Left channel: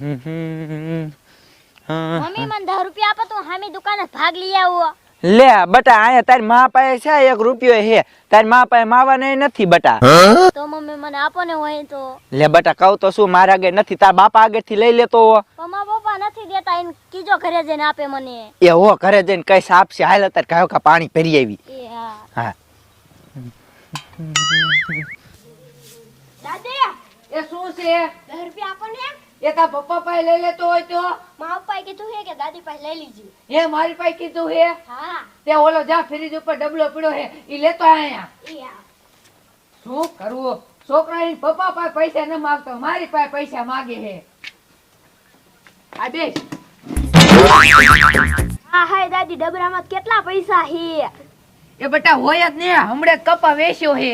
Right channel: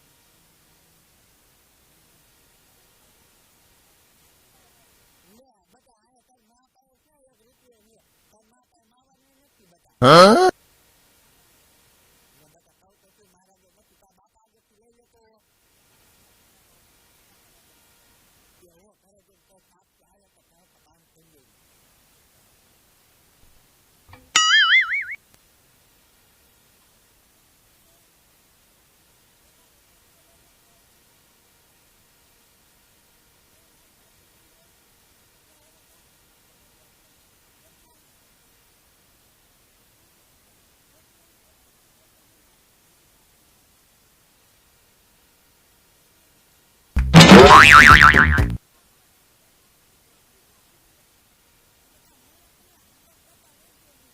Mummy મને 10 રૂપિયા આપો તો હામી દુકાને ભાગ લઈ આવો. લે બટા આયા તારમાં પાસે છે એક રૂપિયો હે તારમાં પાસે માવા નહીં નથી બટા. તો મમ્મી મને આપો ને હોય તો. લે બટા કહું તો શું મારા આગળ નથી તાર બાપા આગળથી લઈ લેતો હો. મમ્મા પપ્પા નથી દેતા એને કીજો ઘરે જઈને આપે મને. એ હો ઘરે જઈને કઈ આપશે હાલ તાર કાયો કા પાણી ભરી આવી. હા. હા. દાદી એ શું છે? 10 રૂપિયા આપો ને. એ તાર પપ્પા પાસે લઈ લેતો હોય તો? મારા પાસે કીધું છે કે દાદી પાસે લઈ લીજી. હે મારી પાસે કીધું હે? હા. તે ઓલો જા ફ્રીજ ઉપર ડબલો પડ્યો હે ઈ લેતો આયા શું કરવું છોકરા પપ્પા પાસે પૈસા ન માંગતો મારી પાસે પૈસા માંગે હે. આ બેસ. હા હાય દાદી ડબરામાં કેટલા પૈસા હે? એ બટા હોય જ ને હમણે કપા વેચ્યો હે.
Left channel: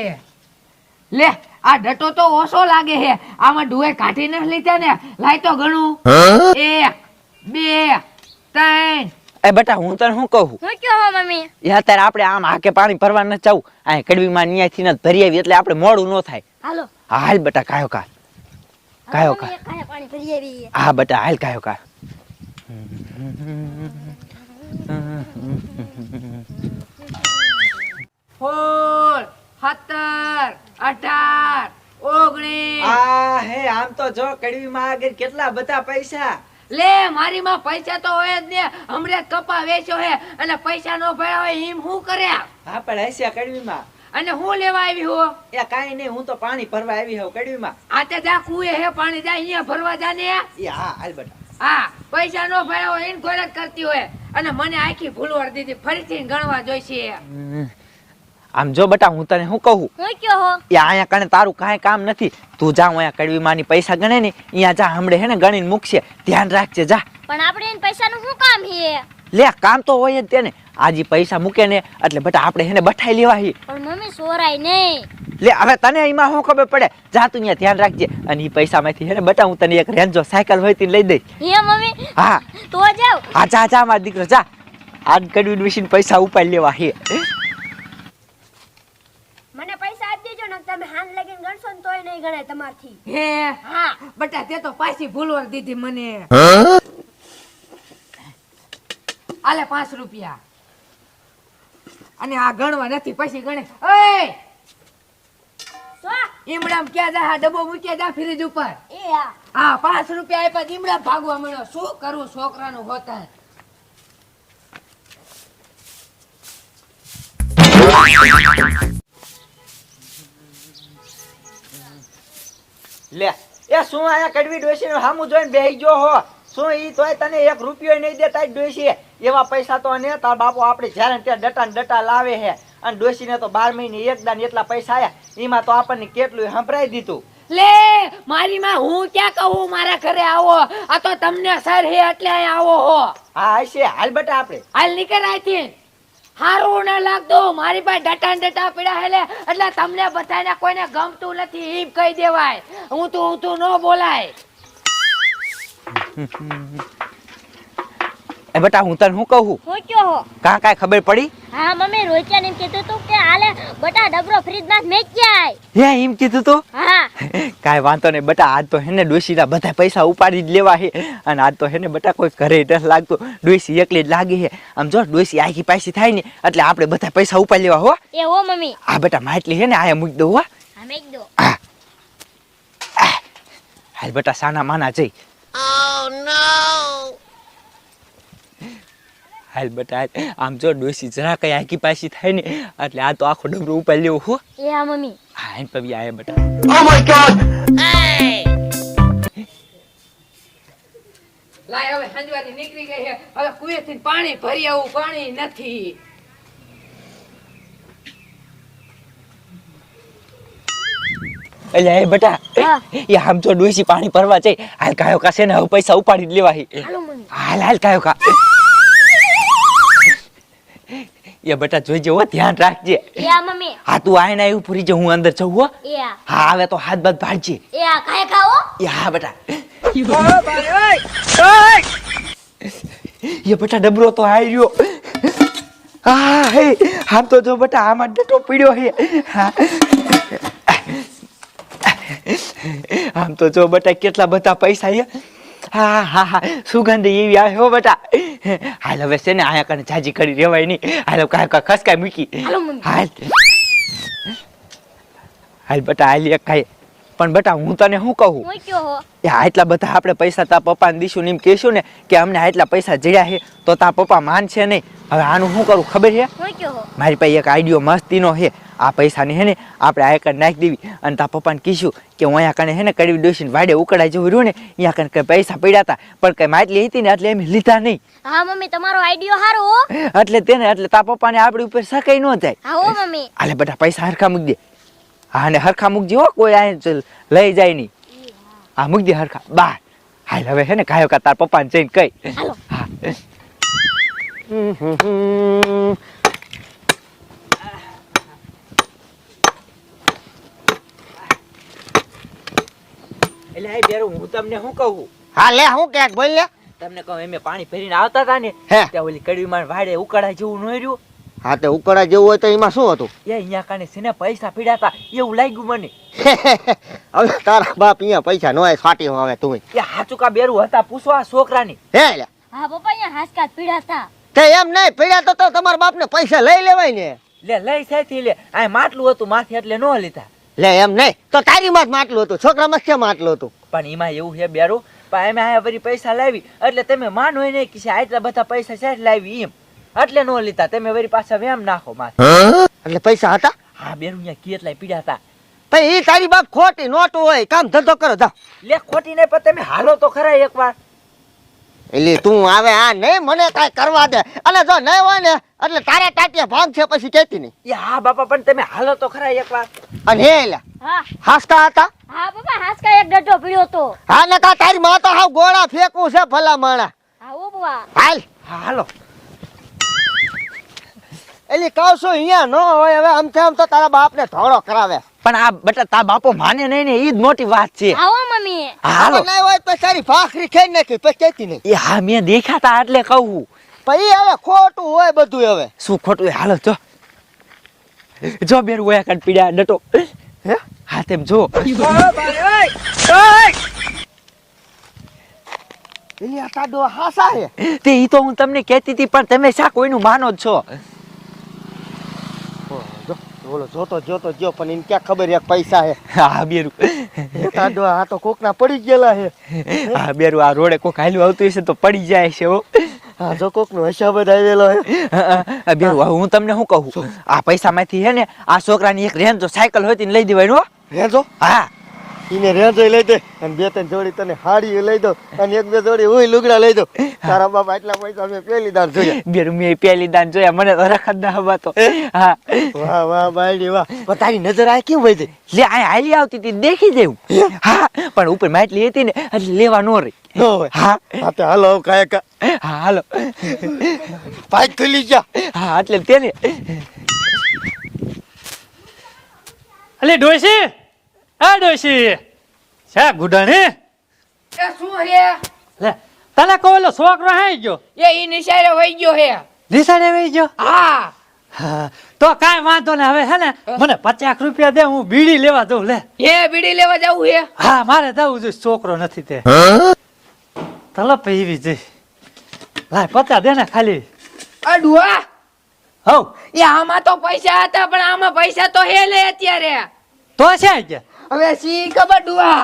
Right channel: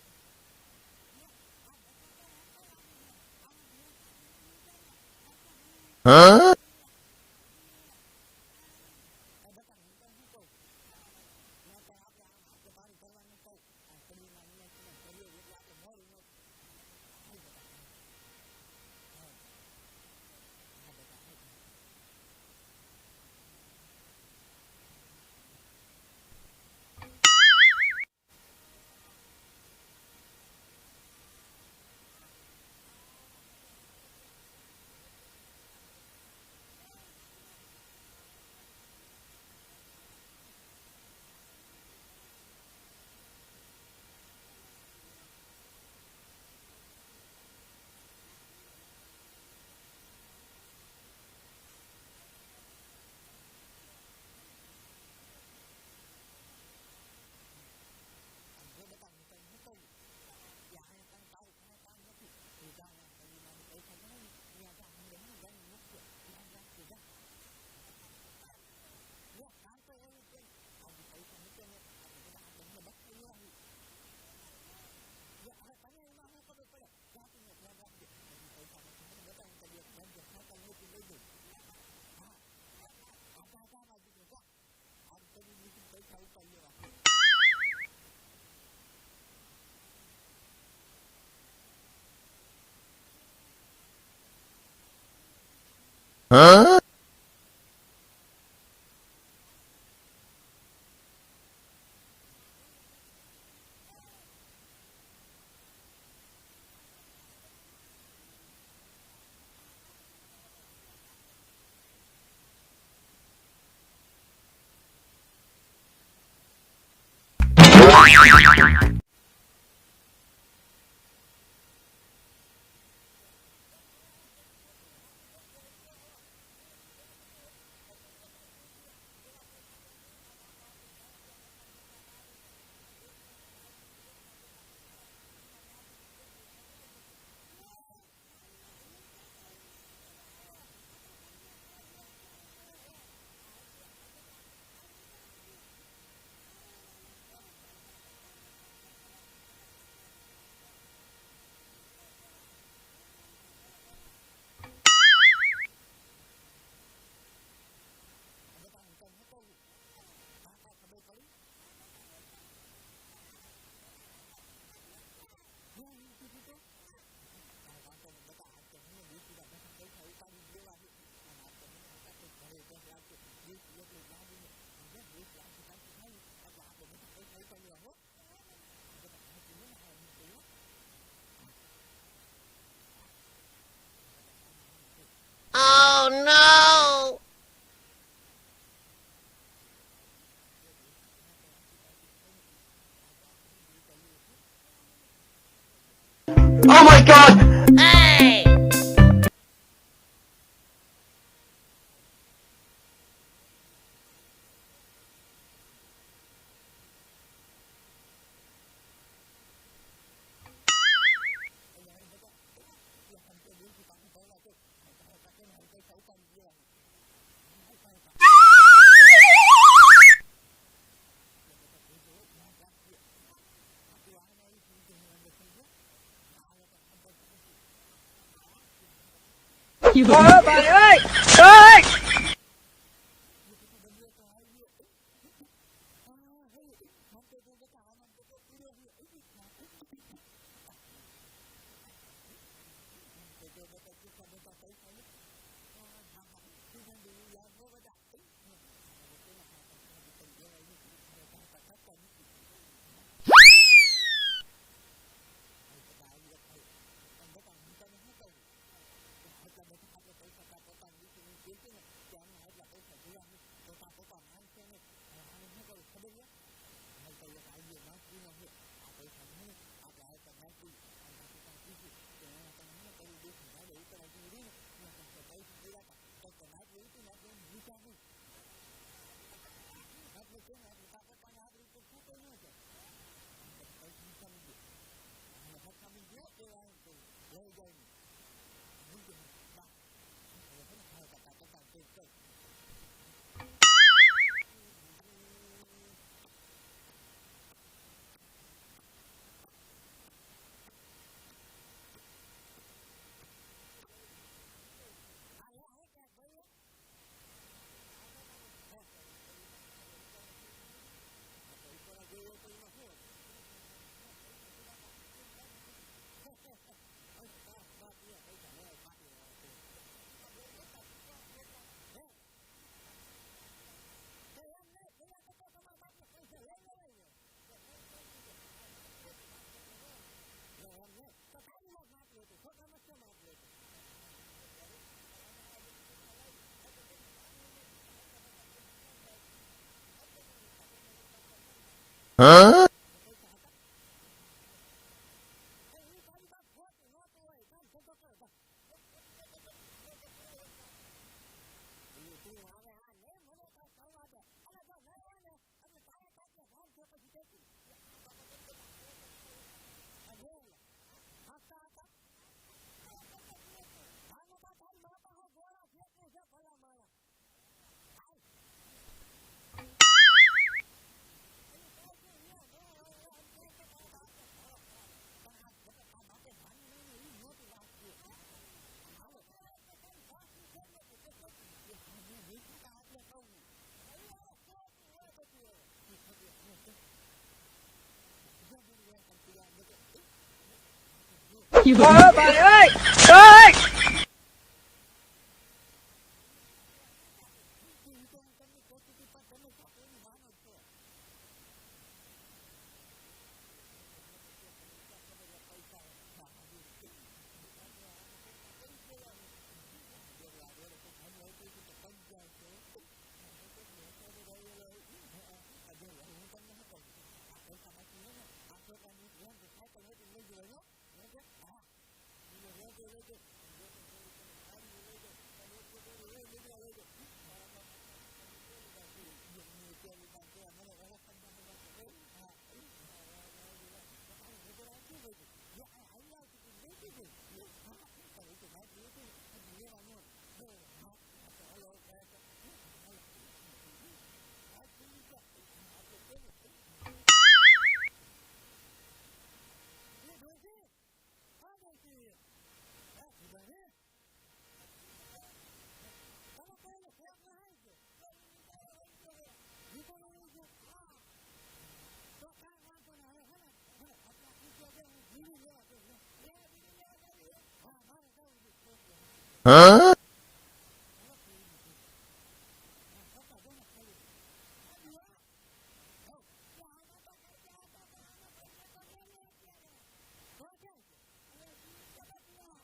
લે આ ડટો તો ઓછો લાગે હે. આમાં ડુએ કાઢી ન લીધા ને. લાય તો ઘણું એક બે ત્રણ. એ બેટા હું તને શું કહું? હું કહો મમ્મી? એ અત્યારે આપણે આમ હાકે પાણી ભરવા ન જવું. આ ન્યાયથી ન ભરી આવી એટલે આપણે મોડું ન થાય. હાલો. હાલ બટા કાયો કા. કાયો કા. પાણી ભરી આવી હા બટા હાલ કાયો કા. સત્તર અઢાર ઓગણીસ. આ હે આમ તો જો કડવીમાં આગળ કેટલા બધા પૈસા? લે મારી માં પૈસા તો હોય જ ને. હમરે કપા વેચ્યો હે અને પૈસા નો ભર્યા હોય એમ હું કર્યા? હા પણ હસ્યા કડવીમાં. અને હું લેવા આવી હો? એ કાઈ નહીં હું તો પાણી ભરવા આવી હોઉં કડવીમાં. આતે જા કુએ હે પાણી જા અહીંયા ભરવા જા ને. એ હા હાલ બેટા. હા પૈસા નો ભર્યા હોય એને ખોરાક કરતી હોય. અને મને આખી ભૂલવાર દીધી ફરીથી ગણવા જોઈશે. આમ જો બટા હું તને શું કહું? હું કયો હો? એ અહીંયા કણે તારું કાંઈ કામ નથી. તું જા અહીંયા કડવીમાંની પૈસા ગણે ને અહીંયા જા હમણે હે ને ગણીને મૂકશે. ધ્યાન રાખજે જા. પણ આપણે એને પૈસાનું શું કામ હે લે કામ તો હોય જ તેને. આજે પૈસા મૂકે ને એટલે બટા આપણે હેને બઠાઈ લેવા હી. પણ મમ્મી સોરાય નહીં. લે હવે તને એમાં શું ખબર પડે? જા તું અહીંયા ધ્યાન રાખજે. અને એ પૈસામાંથી હે ને બટા હું તને એક રેન્જો સાયકલ હોય તે લઈ દઈશ. હે મમ્મી? હા. તો જાવ હા જા જા મારા દીકરો જા. આજ કડવી મશીન પૈસા ઉપાડી લેવા હે મને પૈસા આપી દેજો ને તમે લગીને ગણશો ને તોય નહીં ગણાય તમારથી. હે? હા. બટા તે તો પાછી ભૂલવા દીધી મને. આલે પાંચ રૂપિયા. અને આ ગણવા નથી પછી ગણે. ઓય! ઈમડામ ક્યાં જા ડબ્બો મૂક્યા જા ફ્રીજ ઉપર. એ હા. પાંચ રૂપિયા આપ્યા ઈમડા ભાગવા મળ્યો. શું કરું છોકરાનું હોતા? લે એ શું આયા કડવી ડોસી સામું જોઈને બેહી ગયો હો? શું ઈ તોય તને એક રૂપિયો નહીં દેતા ડોસી એવા પૈસા તો ને તાર બાપુ આપણે જ્યારે ત્યાં ડટા ને ડટા લાવે હે. અને ડોસીને તો બાર મહિને એક દાન એટલા પૈસા આયા એમાં તો આપણને કેટલું સંભળાઈ દીધું. લે મારી માં હું ક્યાં કહું? મારા ઘરે આવો. આ તો તમને સર હે એટલે આવો હો. હા હશે હાલ બટા આપણે હાલ નીકળ આથી હારું ના લાગતું. મારી પાસે ડટા ડટા પીડા હેલે એટલે તમને બધાને કોઈને ગમતું નથી એમ કહી દેવાય. હું તું હું તું ન બોલાય. એ બેટા હું તને શું કહું? હું કયો હો? કા કાંઈ ખબર પડી? હા મમ્મી રોહિત્યાને એમ કીધું તું કે હાલે બટા ડબરો ફ્રીજમાં મેકી જાય હે એમ કીધું તું? હા. કાય વાંધો નહીં બટા આજ તો હેને ડોશીના બધા પૈસા ઉપાડી જ લેવા હે. અને આજ તો હેને બટા કોઈ ઘરે નથી લાગતું. ડોશી એકલી જ લાગી હે. આમ જો ડોશી આખી પાછી થાય ને એટલે આપણે બધા પૈસા ઉપાડી લેવા હો. એ હો મમ્મી. આ બેટા માટલી હે ને આયા મૂકી દઉં હો. હા મૂકી દો. હાલ બેટા સાના માના જઈ. હાલ બેટા હાલ. આમ જો ડોસી જરા કઈ આખી પાછી થાય ને એટલે આ તો આખો ડબરો ઉપાડી લેવો હો. એ આ મમ્મી. હા એન પવી આયા બેટા. લાય હવે સંજવાની નીકળી ગઈ છે હવે કુએથી પાણી ભરી આવું પાણી નથી. એટલે એ બેટા એ આમ જો ડોશી પાણી ભરવા જાય હાલ કાયો કાશે ને હવે પૈસા ઉપાડી જ લેવા હે. હાલો મમ્મી. હાલ હાલ કાયો કા એ બેટા જોઈજે હો ધ્યાન રાખજે. યા હા મમ્મી. હા તું આઈને આયુ એવું પૂરી જે હું અંદર જઉં હો. યા. હા આવે તો હાથ બાદ ભાડજે યા હા. ખાય ખાઓ ભાઈ ઓય ઓય. એ બેટા ડબરો તો આઈ રહ્યો. હા હે. આમ તો જો બેટા આમાં ડટો પીડ્યો હે. હા. આમ તો જો બેટા કેટલા બધા પૈસા હે. હા હા હા. સુગંધ એવી આવે હો બેટા હાલ હવે છે ને આયા કને જાજી કરી રેવાય નહીં. હાલ કાય કાંઈ ખસકાય મૂકી. હાલો. હાલ. હાલ બેટા હાલ એક ખાય પણ બેટા હું તને શું કહું? એ આટલા બધા આપણે પૈસા તા પપ્પાને દીશું એમ કહેશું ને કે અમને આટલા પૈસા જડ્યા છે તો તા પપ્પા માનશે નહીં. હવે આનું શું કરું ખબર છે? મારી પાસે એક આઈડિયો મસ્તીનો છે. આ પૈસાને હે ને આપણે આ એકડ નાખી દેવી. અને તા પપ્પાને કહીશું કે હું અહીંયા કને હે ને કડવી ડોસીને વાડે ઉકળાઈ જવું રહ્યું ને અહીંયા કને કઈ પૈસા પડ્યા હતા. પણ કઈ માટલી હતી ને એટલે એમ લીધા નહીં. હા મમ્મી તમારો આઈડિયો સારો એટલે તેને એટલે તા પપ્પાને આપણી ઉપર સકાઈ ન થાય. હા મમ્મી. આલે બધા પૈસા હરખા મૂકી દે. હા ને હરખા મૂકજી હો કોઈ આ લઈ જાય નહીં. હા મૂકજી હરખા. બાર હાલ હવે હે ને કાયો કા તાર પપ્પાને જઈને કઈ હાલો. હા. એટલે આ બેરું હું તમને શું કહું? હા લે હું ક્યાંક બોલ લે. તમને કહું એમે પાણી ભરીને આવતા હતા ને ત્યાં ઓલી કડવીમાં વાડે ઉકાળા જેવું ન રહ્યું હા તે ઉકળા જેવું હોય તો એમાં શું હતું? એ અહીંયા કાને સીને પૈસા પીડ્યા હતા એવું લાગ્યું મને. હવે તારા બાપ અહીંયા પૈસા નો ફાટી હવે તું એ હાચુકા બેરું હતા પૂછવા છોકરાની. હે લે હા પપ્પા અહીંયા હાચકા પીડા હતા તે. એમ નહીં પીડ્યા તો તો તમારા બાપને પૈસા લઈ લેવાય ને. લે લઈ સાથી લે. આ માટલું હતું માથે એટલે ન લીધા. લે એમ નહીં તો તારી માં માટલું હતું છોકરા માં કેમ માટલું હતું? પણ એમાં એવું છે બેરું પણ એમ આયા વળી પૈસા લાવી એટલે તમે માનો નહીં કે આટલા બધા પૈસા છે લાવી એમ. એટલે નો લીધા. તમે વરી પાછા વેમ નાખો માથે. એટલે પૈસા હતા? હા બેન અહીંયા કેટલાય પીડ્યા હતા. પછી ઈ તારી બાપ ખોટી નોટું હોય. કામ ધંધો કરો જા લે ખોટી નહીં પણ તમે હાલો તો ખરા એકવાર. એટલે તું આવે આ નહીં મને કાંઈ કરવા દે. અને જો નહીં હોય ને એટલે તારા ટાટિયા ભાગ છે પછી કેતી નહીં. એ હા બાપા પણ તમે હાલો તો ખરા એકવાર. અને હે એલા હા. હાસકા હતા? હા બાપા હાસકા એક ડઢો પીડ્યો તો હા ને કા તારી માં તો હાવ ગોળા ફેંકવું છે ભલા માણા. હા બુઆ હાલ. હા હાલો. એટલે કહું છું અહીંયા ન હોય હવે આમ આમ તો તારા બાપને ધોળો કરાવે. પણ આ બટા તારા બાપો માને નહીં ને એ જ મોટી વાત છે. આવો હો મમ્મી હાલો. ના હોય તો તારી ભાખરી ખાઈ નાખી પછી કહેતી નહીં. એ હા મેં દેખાતા એટલે કહું. પછી હવે ખોટું હોય બધું હવે. શું ખોટું હાલો જો. જો બેર ઓયા કાઢ પીડ્યા ડટો. હે? હા તેમ જો. એટલે આ તાડો હાસા હે. તે ઈ તો હું તમને કહેતી હતી પણ તમે શા કોઈનું માનો જ છો? ઓલો જોતો જોતો જો પણ એને ક્યાં ખબર એક પૈસા હે. હા બેરું. તાડો આ તો કોકના પડી ગયેલા હે. હા બેરું આ રોડે કોક હાલ્યું આવતું હશે તો પડી જાય છે હો. હા જો કોકનો હિસાબ જ આવેલો હે. બેરું હું તમને શું કહું? આ પૈસામાંથી હે ને આ છોકરાની એક રેન્જો સાયકલ હોય તો લઈ દેવાય રેજો હા. ઈને રેજો લઈ દે. અને બે ત્રણ જોડી તને હાડી લઈ દો અને એક બે જોડી હું લુગડા લઈ દો તારા બાપ આટલા પૈસા મેં પેલી દાન જોયા. બેરું મેં પહેલી દાન જોયા. મને તો રખત ના હવાતો હા? વાહ વાહ બાયડી વાહ. પણ તારી નજર આ કેમ જાય લે આ હાલી આવતી હતી દેખી દેવું હા. પણ ઉપર માટલી હતી ને એટલે લેવા નો રહી. હા. હા તે હાલો કાય કા હા હાલો. ખુલી જા. હા એટલે તેને અલે ડોશી! આ ડોશી છે ગુડાણી એ શું હે? લે તને કહો ઓલો છોકરો હાઈ ગયો. એ ઈ નિશાળે વઈ ગયો હે. નિશાળે વઈ ગયો? હા. હા, તો કાઈ વાંધો ને હવે હે ને? મને પચાસ રૂપિયા દે હું બીડી લેવા જઉં લે. એ બીડી લેવા જવું હે? હા મારે જવું જોઈએ છોકરો નથી તે. તલપ એવી જઈ લાય પચાસ દે ને ખાલી. અડુઆ હવ. એ આમાં તો પૈસા હતા પણ આમાં પૈસા તો હે લે અત્યારે. તો છે કે હવે સી કબડુઆ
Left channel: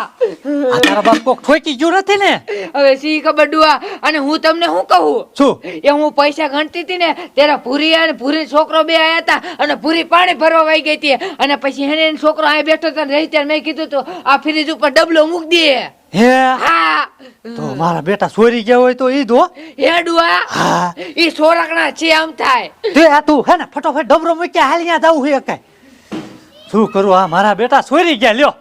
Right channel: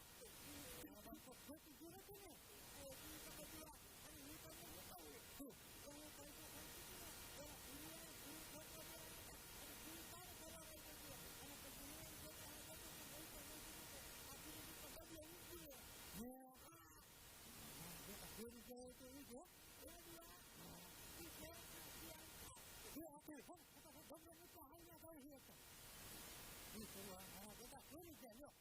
આ તારા બાપ કોક ઠોકી ગયું નથી ને? હવે સી કબડુઆ અને હું તમને શું કહું? શું? એ હું પૈસા ગણતી હતી ને ત્યારે ભૂરી અને ભૂરી છોકરો બે આયા હતા અને ભૂરી પાણી ભરવા વહી ગઈ હતી. અને પછી હેને એનો છોકરો અહીં બેઠો હતો રહી ત્યારે મેં કીધું તો આ ફ્રીજ ઉપર ડબલો મૂક દે. હે? હા. તો મારા બેટા સોરી ગયા હોય તો ઈ દો. હે ડુઆ હા. ઈ સોરકણા છે આમ થાય. તે આ તું હે ને ફટોફટ ડબરો મૂક્યા હાલ ત્યાં જવું છે કાંઈ. શું કરું? આ મારા બેટા છોરી ગયા લ્યો.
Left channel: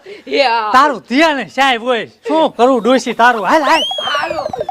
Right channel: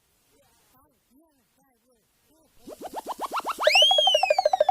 તારું ધ્યાન સાહેબ હોય. શું કરું ડોસી તારું? હાલ હાલ.